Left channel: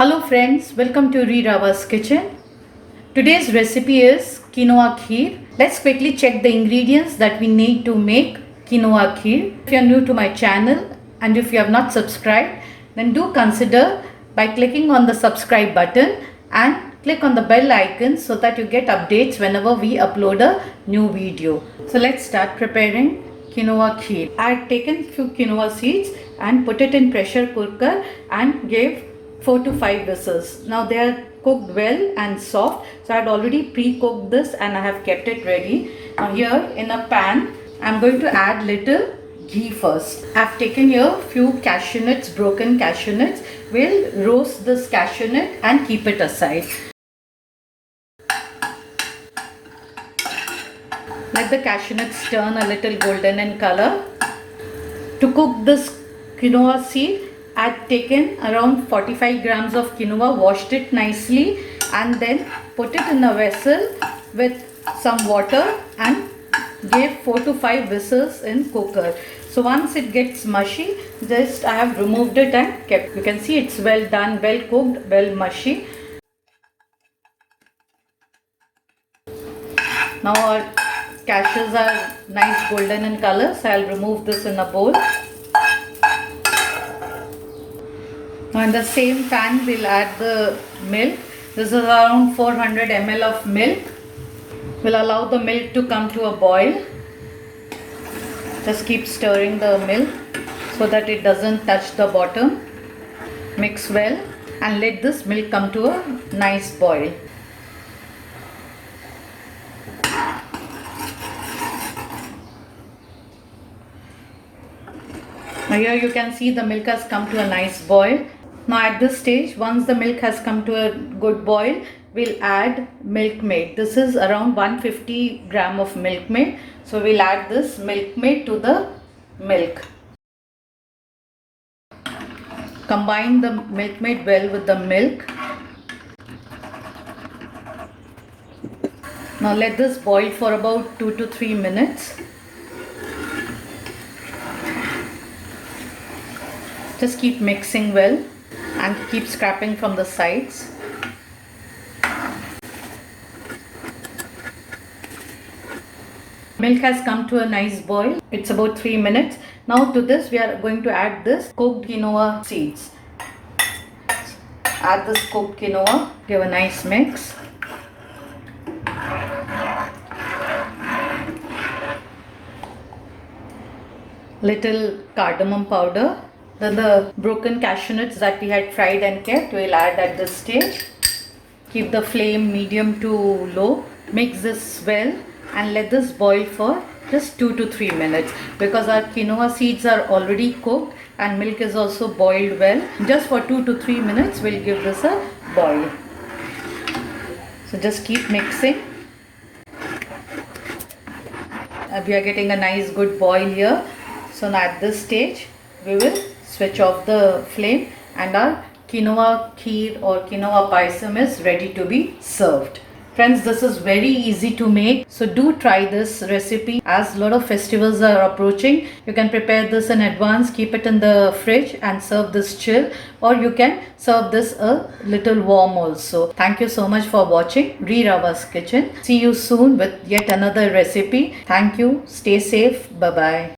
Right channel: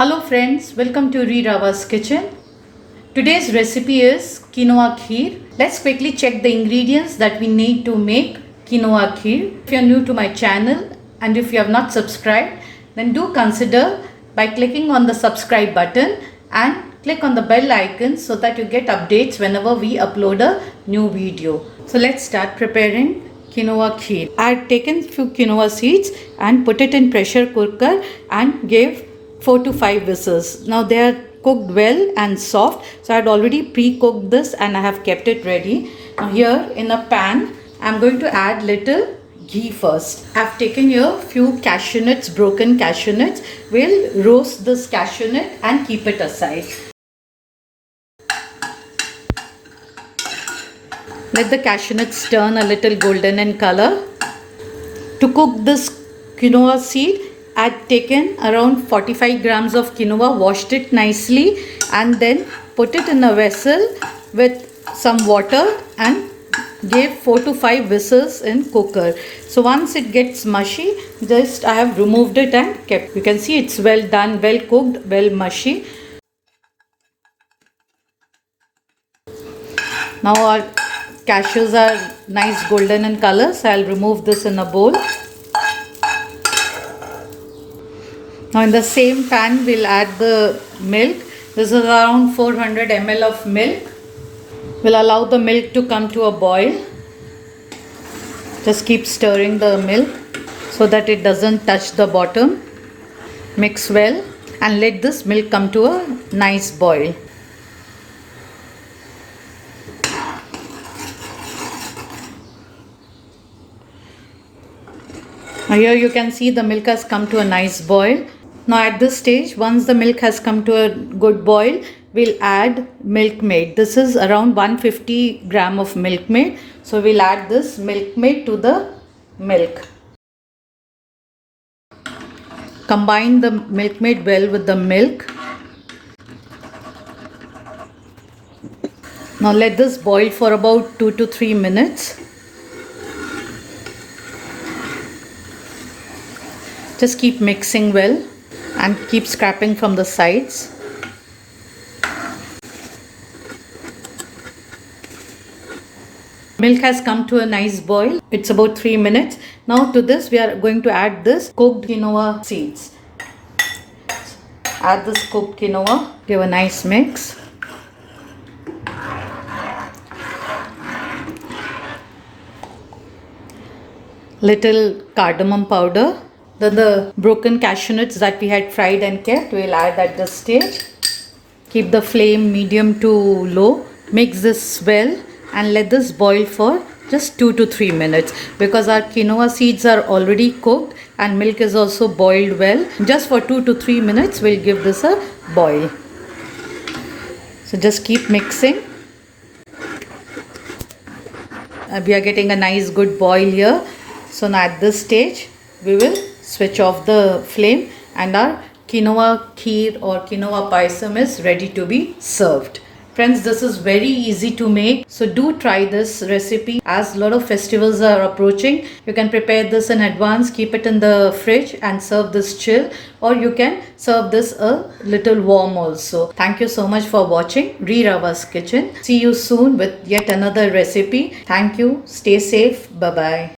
Hello friends, welcome to Rirava's kitchen. Today's recipe is quinoa kheer. Let's quickly check the ingredients that we need to make quinoa kheer. If you are new to my channel and if you have not subscribed, then do consider by clicking on the subscribe button and click on the bell icon so that you get updates whenever we upload a new video. So let's start preparing quinoa kheer. I had taken few quinoa seeds and put it in pressure cooker and gave 4 to 5 whistles. Now they are cooked well and soft, so I had already pre-cooked this and I have kept it ready. Now here in a pan I am going to add little ghee first. I have taken here few cashew nuts, broken cashew nuts. We'll roast this cashew nut and keep it aside. Let the cashew nuts turn a little golden in color. To cook this quinoa seed, I had taken around 45 grams of quinoa, washed it nicely and then put it in a vessel with some water and gave 4 to 5 whistles in cooker. So once it gets mushy, just I have removed it and kept. You can see it's well done, well cooked, well mushy. Now our cashews are nice golden in color, so I'll remove this in a bowl. Now in the same pan we'll add the milk. This is around 400 ml of milk. We'll allow the milk to come to a boil. Just keep stirring the milk so that it doesn't touch the bottom. Mix well and let this milk come to a nice boil. Now here you can see the milk has come to a nice boil. Now at this stage, once the milk has come to a good boil, we'll add Milkmaid. This is around 150 gram of Milkmaid. So we'll add this Milkmaid to the milk. Combine the Milkmaid well with the milk. Now let this boil for about 2 to 3 minutes. Just keep mixing well and keep scraping from the sides. Milk has come to a nice boil. It's about 3 minutes. Now to this we are going to add this cooked quinoa seeds. Add this cooked quinoa, give a nice mix. Little cardamom powder. Then the broken cashew nuts that we had fried and kept, we'll add at this stage. Keep the flame medium to low. Mix this well and let this boil for just 2 to 3 minutes because our quinoa seeds are already cooked and milk is also boiled well. Just for 2 to 3 minutes we'll give this a boil. So just keep mixing. We are getting a nice good boil here. So now at this stage we will switch off the flame and our quinoa kheer or quinoa payasam is ready to be served. Friends, this is very easy to make, so do try this recipe as a lot of festivals are approaching. You can prepare this in advance, keep it in the fridge and serve this chill, or you can serve this a little warm also. Thank you so much for watching Rirava's Kitchen. See you soon with yet another recipe. Thank you. Stay safe. Bye bye.